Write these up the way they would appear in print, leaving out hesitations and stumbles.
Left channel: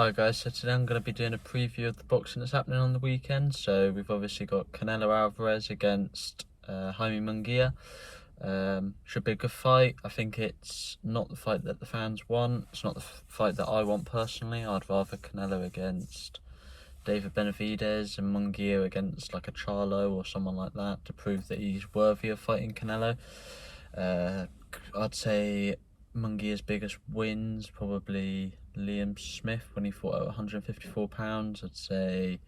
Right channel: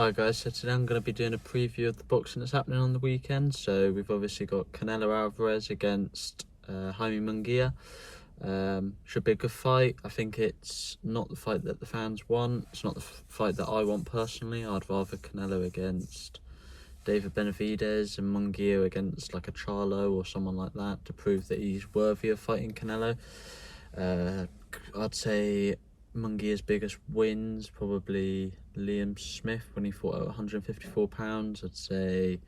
Hi guys, so today I'm going to be doing a preview of the boxing that's happening on the weekend. So we've obviously got Canelo Alvarez against Jaime Munguia. Should be a good fight. I think it's not the fight that the fans want. It's not the fight that I want personally. I'd rather Canelo against David Benavidez and Munguia against like a Charlo or someone like that to prove that he's worthy of fighting Canelo. I'd say Munguia's biggest wins probably Liam Smith when he fought at 154 pounds. I'd say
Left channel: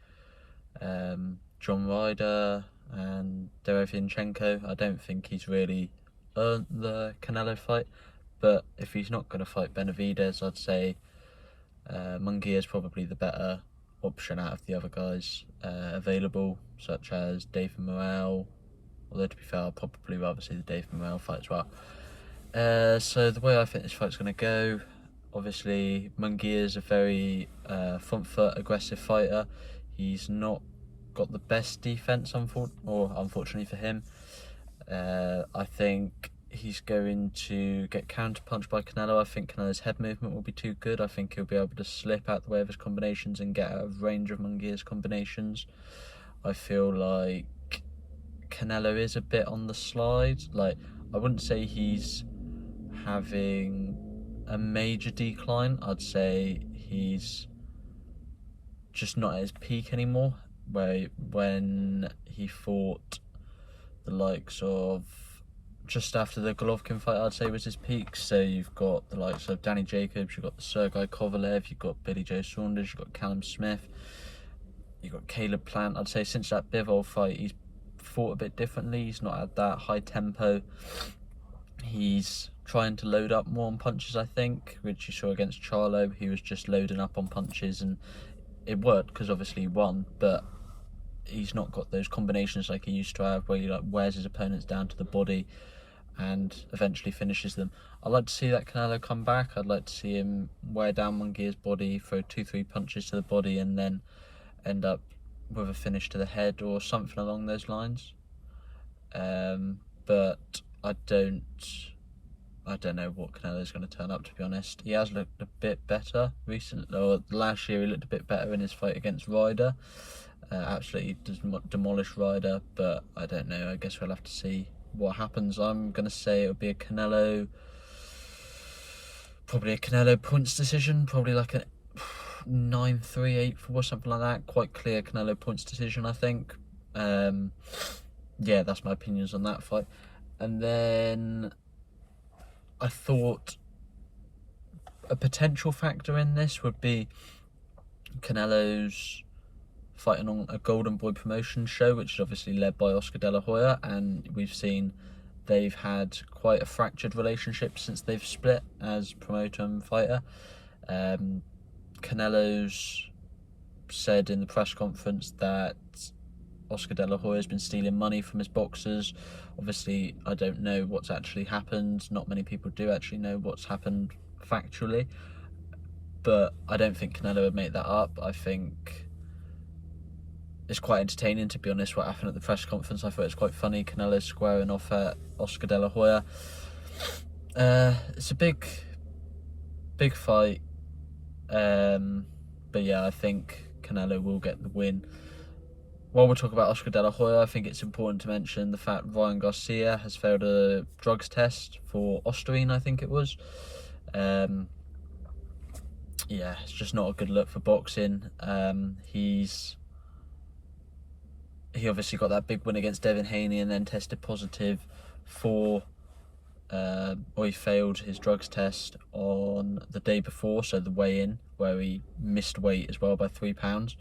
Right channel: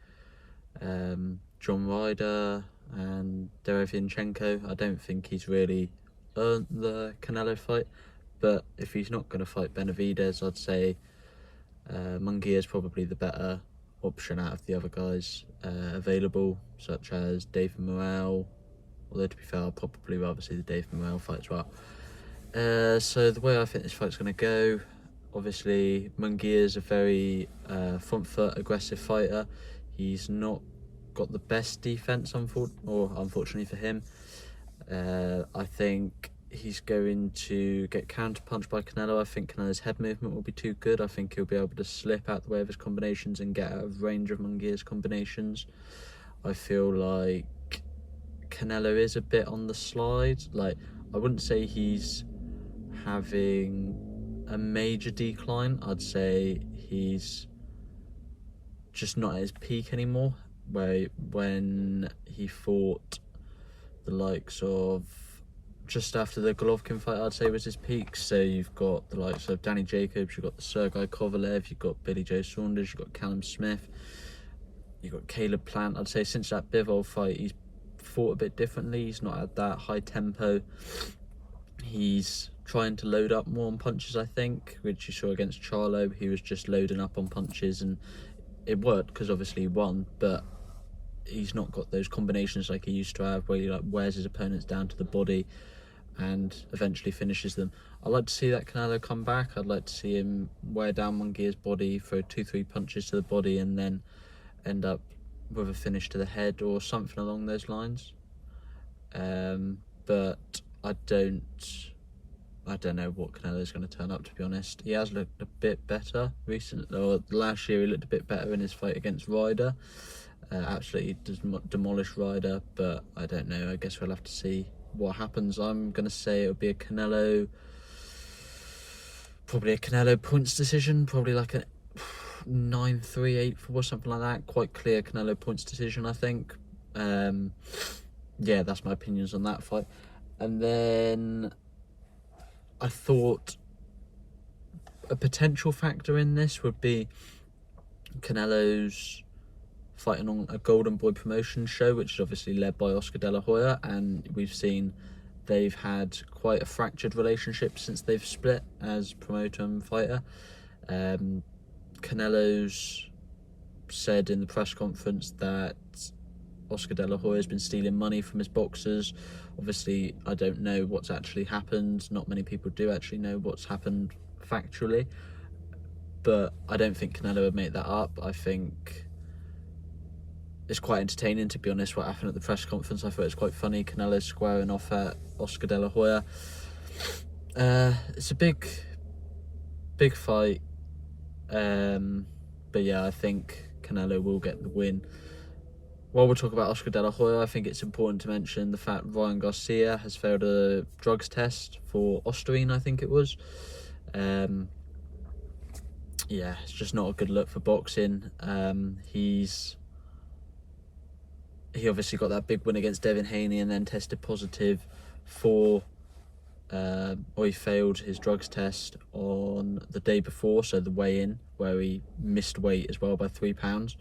John Ryder and Derevianchenko. I don't think he's really earned the Canelo fight, but if he's not going to fight Benavidez, I'd say Munguia is probably the better option out of the other guys available, such as David Morrell. Although to be fair, I'd probably rather see the David Morrell fight as well. So the way I think this fight's going to go, obviously Munguia is a very front foot aggressive fighter. He's not got the best defense, unfortunately for him. I think he's going to get counterpunched by Canelo. I think Canelo's head movement will be too good. I think he'll be able to slip out the way of his combinations and get out of range of Munguia's combinations. I feel like Canelo is a bit on the slide. Like, I wouldn't say he's having a major decline. I'd say he's just not at his peak anymore, where when he fought the likes of just after the Golovkin fight, I'd say was his peak. So you've got the likes of Danny Jacobs, you've got the Sergei Kovalev, you've got Billy Joe Saunders, you've got Callum Smith, you've got Caleb Plant. I'd say since that Bivol fight, he's fought a bit differently. He's not at that high tempo. He's trying to load up more on punches, I think, which you saw against Charlo. He was just loading up on punches and it worked because obviously he won, but he's not got those combinations like he used to have, where he like wears his opponents down to the body and eventually finishes them. I'd like to see that Canelo come back. I'd like to see him wear down Munguia's body, throw 2-3 punches to the body and then end up with a finish to the head or something along those lines. But I don't know what Canelo's going to turn up, to be honest. He has looked a bit better recently, or last year he looked a bit better in his fight against Ryder. Absolutely demolished Ryder, but I don't know. I guess we'll have to see what happens. I'm going to say it'll be probably a Canelo points decision, probably like a 9-3, 8-4, something like that. Quite clear Canelo points decision, I think. Yeah, that's my opinions on that fight. And then I thought a potential factor in this would be Canelo's fighting on a Golden Boy promotion show, which is obviously led by Oscar De La Hoya, and we've seen they've had quite a fractured relationship since they've split as promoter and fighter. Canelo's said in the press conference that Oscar De La Hoya has been stealing money from his boxers. Obviously, I don't know what's actually happened. Not many people do actually know what's happened factually, but I don't think Canelo would make that up. I think it's quite entertaining, to be honest, what happened at the press conference. I thought it was quite funny. Canelo squaring off at Oscar De La Hoya. It's a big fight. But yeah, I think Canelo will get the win. While we're talking about Oscar De La Hoya, I think it's important to mention the fact Ryan Garcia has failed a drugs test for Ostarine, I think it was. Yeah, it's just not a good look for boxing. He obviously got that big win against Devin Haney and then tested positive for, or he failed his drugs test on the day before, so the weigh-in, where he missed weight as well by 3 pounds.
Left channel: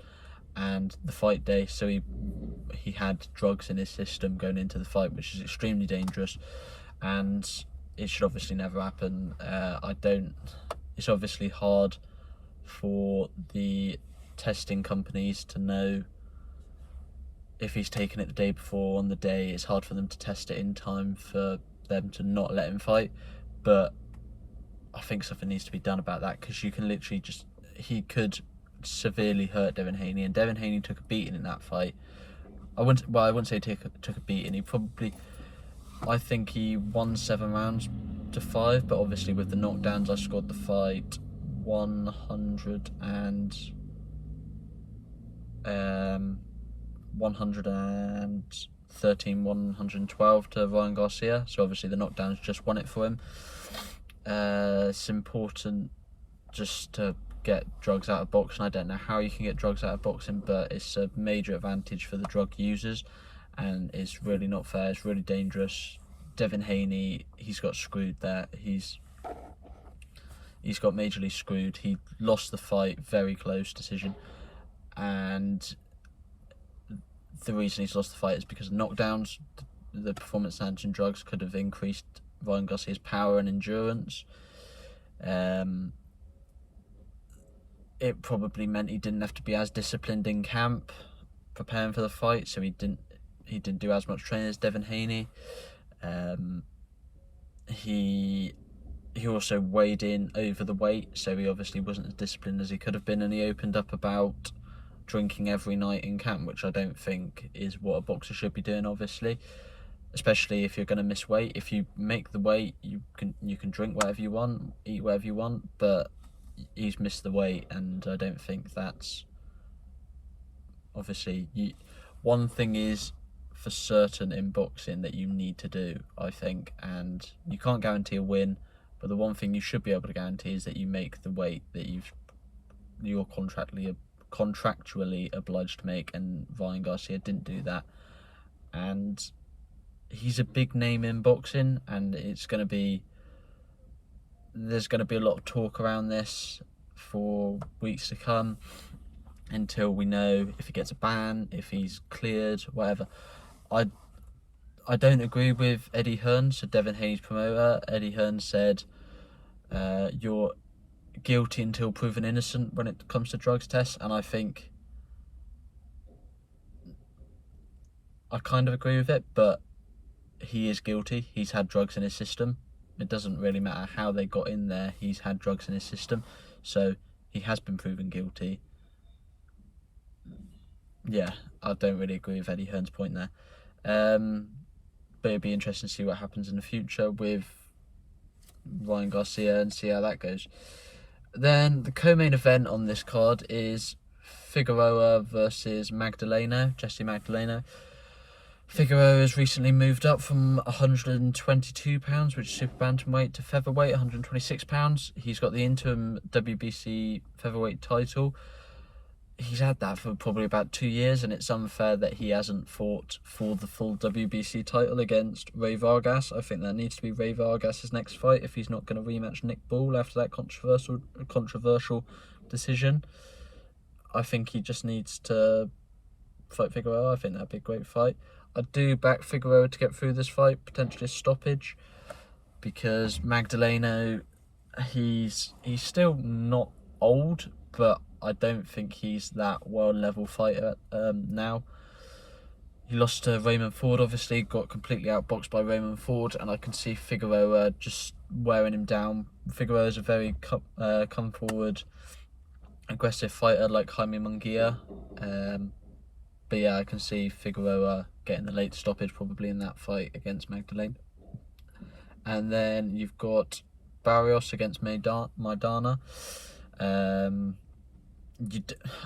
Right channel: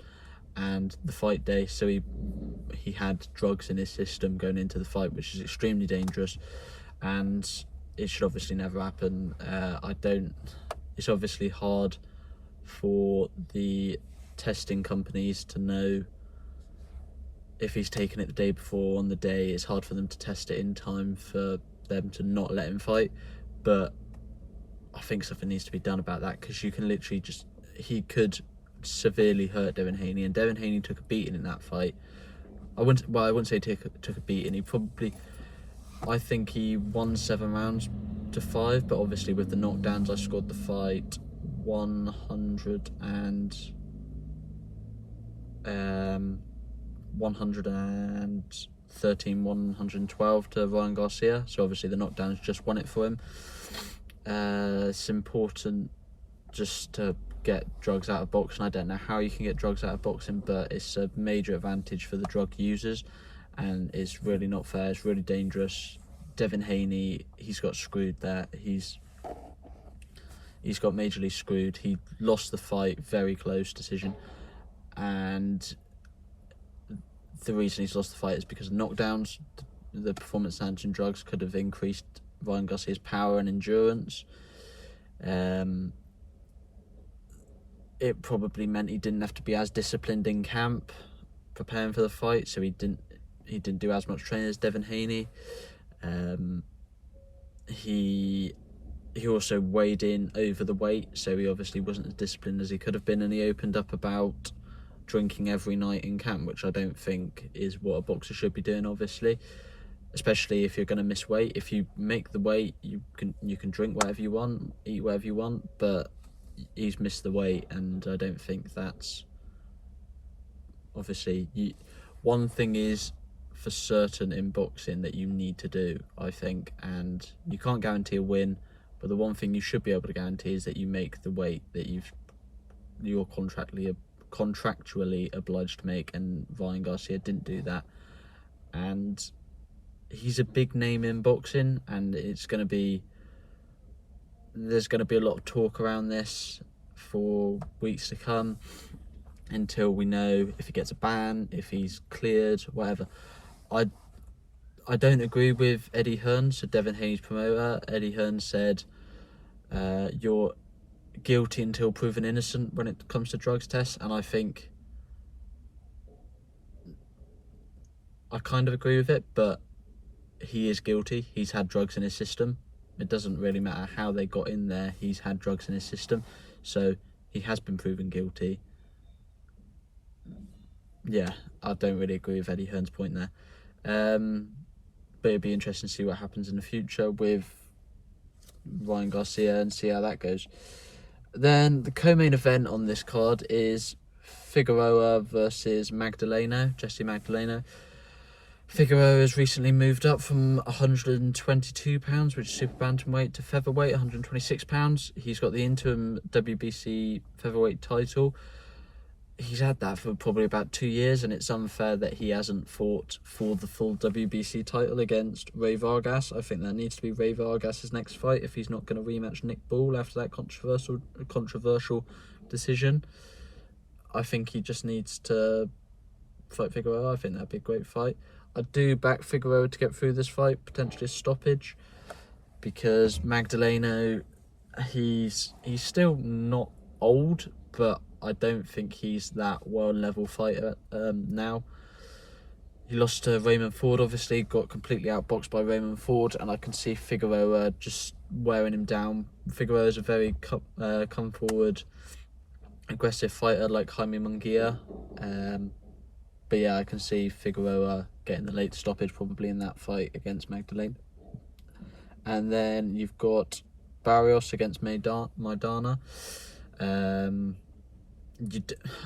And the fight day, so he had drugs in his system going into the fight, which is extremely dangerous, and it should obviously never happen. It's obviously hard for the testing companies to know if he's taken it the day before or on the day. It's hard for them to test it in time for them to not let him fight, but I think something needs to be done about that, because you can literally he could severely hurt Devin Haney, and Devin Haney took a beating in that fight. I wouldn't say took a beating. I think he won 7 rounds to 5, but obviously with the knockdowns, I scored the fight 113, 112 to Ryan Garcia. So obviously the knockdowns just won it for him. It's important just to get drugs out of boxing. I don't know how you can get drugs out of boxing, but it's a major advantage for the drug users, and it's really not fair. It's really dangerous. Devin Haney, he's got screwed there. He's got majorly screwed. He lost the fight, very close decision, and the reason he's lost the fight is because of knockdowns. The performance-enhancing drugs could have increased Ryan Garcia's power and endurance. It probably meant he didn't have to be as disciplined in camp preparing for the fight, so he didn't do as much training as Devin Haney. He also weighed in over the weight, so he obviously wasn't as disciplined as he could have been, and he opened up about drinking every night in camp, which I don't think is what a boxer should be doing, obviously, especially if you're going to miss weight. If you make the weight, you can drink whatever you want, eat whatever you want, but he's missed the weight, and I don't think that's obviously one thing is for certain in boxing that you need to do, I think, and you can't guarantee a win, but the one thing you should be able to guarantee is that you make the weight that you're contractually obliged to make, and Ryan Garcia didn't do that. And he's a big name in boxing, and there's going to be a lot of talk around this for weeks to come until we know if he gets a ban, if he's cleared, whatever. I don't agree with Eddie Hearn, so Devin Haney's promoter. Eddie Hearn said, you're guilty until proven innocent when it comes to drugs tests, and I think I kind of agree with it, but he is guilty. He's had drugs in his system. It doesn't really matter how they got in there. He's had drugs in his system, so he has been proven guilty. Yeah, I don't really agree with Eddie Hearn's point there. But it'd be interesting to see what happens in the future with Ryan Garcia and see how that goes. Then the co-main event on this card is Figueroa versus Magdaleno, Jesse Magdaleno. Figueroa has recently moved up from 122 pounds, which is super bantamweight, to featherweight, 126 pounds. He's got the interim WBC featherweight title. He's had that for probably about 2 years, and it's unfair that he hasn't fought for the full WBC title against Ray Vargas. I think that needs to be Ray Vargas' next fight if he's not going to rematch Nick Ball after that controversial decision. I think he just needs to fight Figueroa. I think that'd be a great fight. I do back Figueroa to get through this fight, potentially a stoppage, because Magdaleno, he's still not old, but I don't think he's that world level fighter now. He lost to Raymond Ford, obviously, got completely outboxed by Raymond Ford, and I can see Figueroa just wearing him down. Figueroa is a very come forward, aggressive fighter like Jaime Munguia. But yeah, I can see Figueroa getting the late stoppage probably in that fight against Magdalene. And then you've got Barrios against Maidana.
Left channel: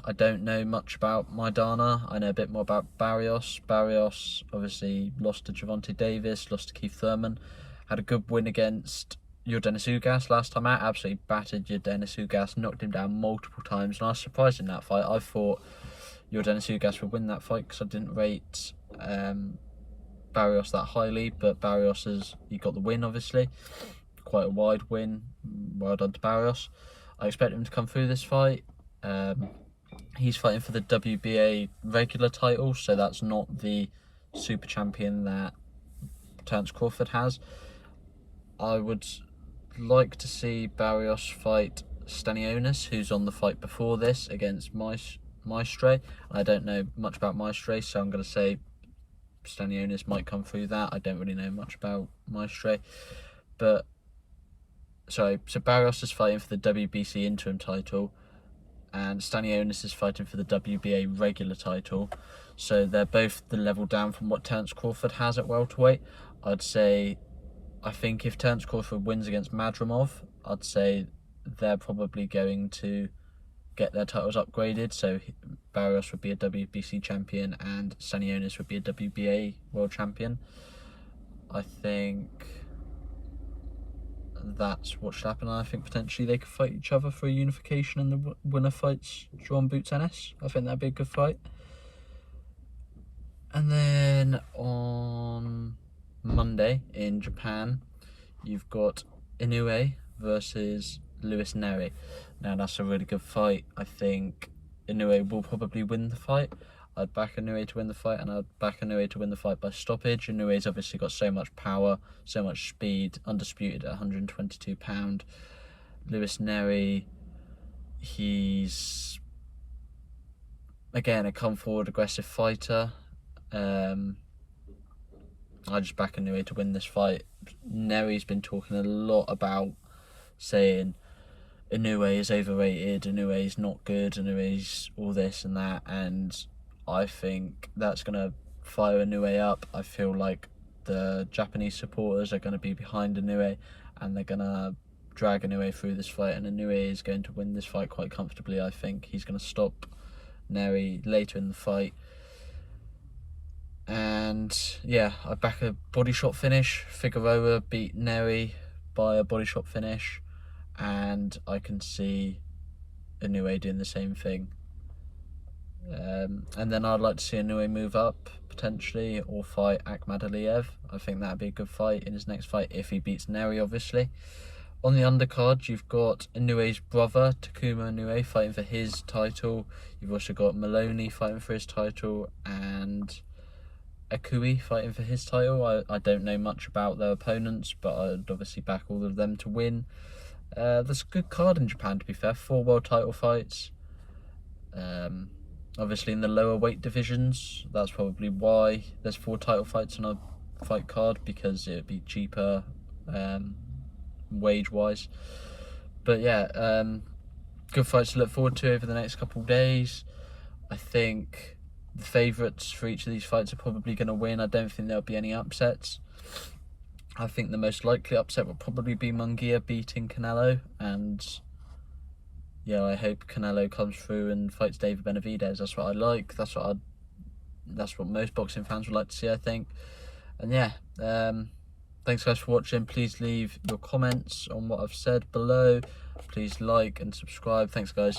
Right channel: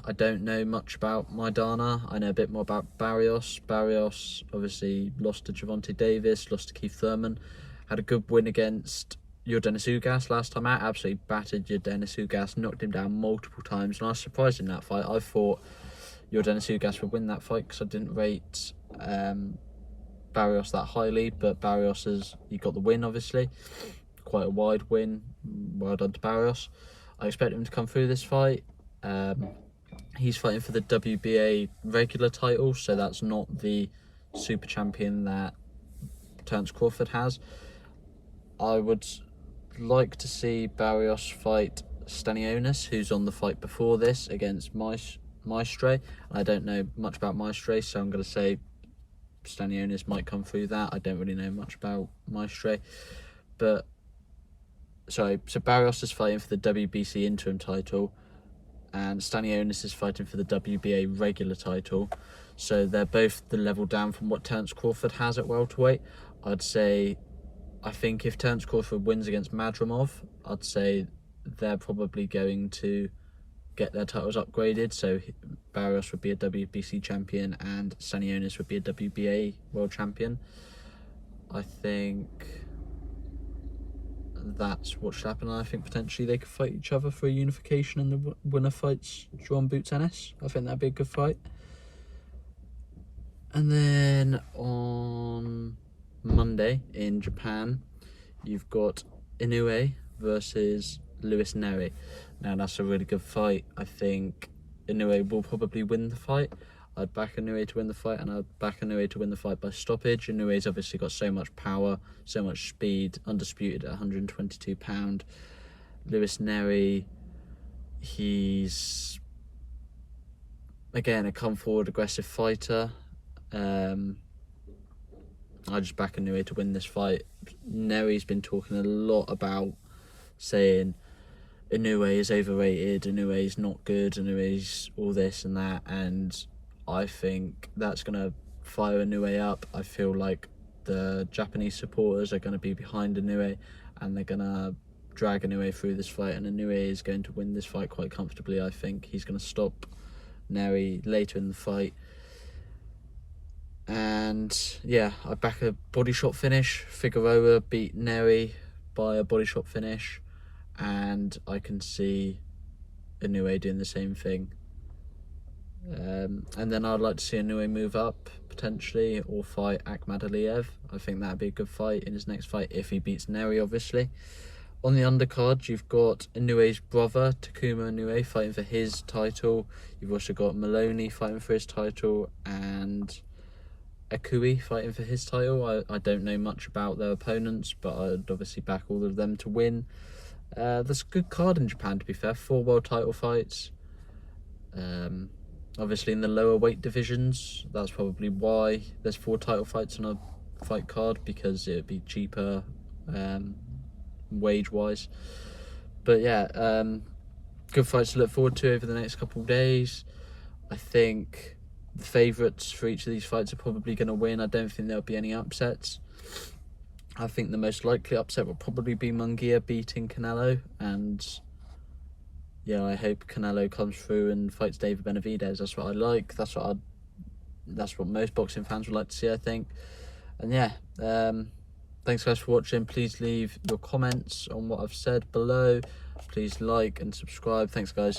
I don't know much about Maidana. I know a bit more about Barrios. Barrios obviously lost to Gervonta Davis, lost to Keith Thurman. Had a good win against Yordenis Ugas last time out. Absolutely battered Yordenis Ugas, knocked him down multiple times, and I was surprised in that fight. I thought Yordenis Ugas would win that fight because I didn't rate Barrios that highly, but Barrios he got the win, obviously. Quite a wide win. Well done to Barrios. I expect him to come through this fight. He's fighting for the WBA regular title, so that's not the super champion that Terence Crawford has. I would like to see Barrios fight Stanionis, who's on the fight before this against Maestre. I don't know much about Maestre, so I'm going to say Stanionis might come through that. I don't really know much about Maestre. So Barrios is fighting for the WBC interim title, and Stanionis is fighting for the WBA regular title. So they're both the level down from what Terence Crawford has at welterweight. I think if Terence Crawford wins against Madrimov, I'd say they're probably going to get their titles upgraded. So Barrios would be a WBC champion and Stanionis would be a WBA world champion. I think that's what should happen. I think potentially they could fight each other for a unification, and the winner fights John Boots Ennis. I think that'd be a good fight. And then on Monday in Japan, you've got Inoue versus Nery. Now that's a really good fight. I think Inoue will probably win the fight. I'd back Inoue to win the fight, and I'd back Inoue to win the fight by stoppage. Inoue's obviously got so much power, so much speed, undisputed at 122 pound. Nery, he's again a come forward aggressive fighter. I just back Inoue to win this fight. Nery's been talking a lot about saying Inoue is overrated, Inoue's not good, Inoue's all this and that, and I think that's going to fire Inoue up. I feel like the Japanese supporters are going to be behind Inoue, and they're going to drag Inoue through this fight, and Inoue is going to win this fight quite comfortably. I think he's going to stop Nery later in the fight. And yeah, I back a body shot finish. Figueroa beat Nery by a body shot finish, and I can see Inoue doing the same thing. And then I'd like to see Inoue move up potentially, or fight Akhmad Aliyev. I think that'd be a good fight in his next fight if he beats Nery, obviously. On the undercard, you've got Inoue's brother, Takuma Inoue, fighting for his title. You've also got Maloney fighting for his title, and Akui fighting for his title. I don't know much about their opponents, but I'd obviously back all of them to win. There's a good card in Japan, to be fair. 4 world title fights. Obviously in the lower weight divisions, that's probably why there's 4 title fights on a fight card, because it would be cheaper wage wise. But yeah, good fights to look forward to over the next couple of days. I think the favourites for each of these fights are probably going to win. I don't think there'll be any upsets. I think the most likely upset will probably be Munguia beating Canelo, and yeah, I hope Canelo comes through and fights David Benavidez. That's what I like. That's what most boxing fans would like to see, I think. And yeah, thanks guys for watching. Please leave your comments on what I've said below. Please like and subscribe. Thanks guys.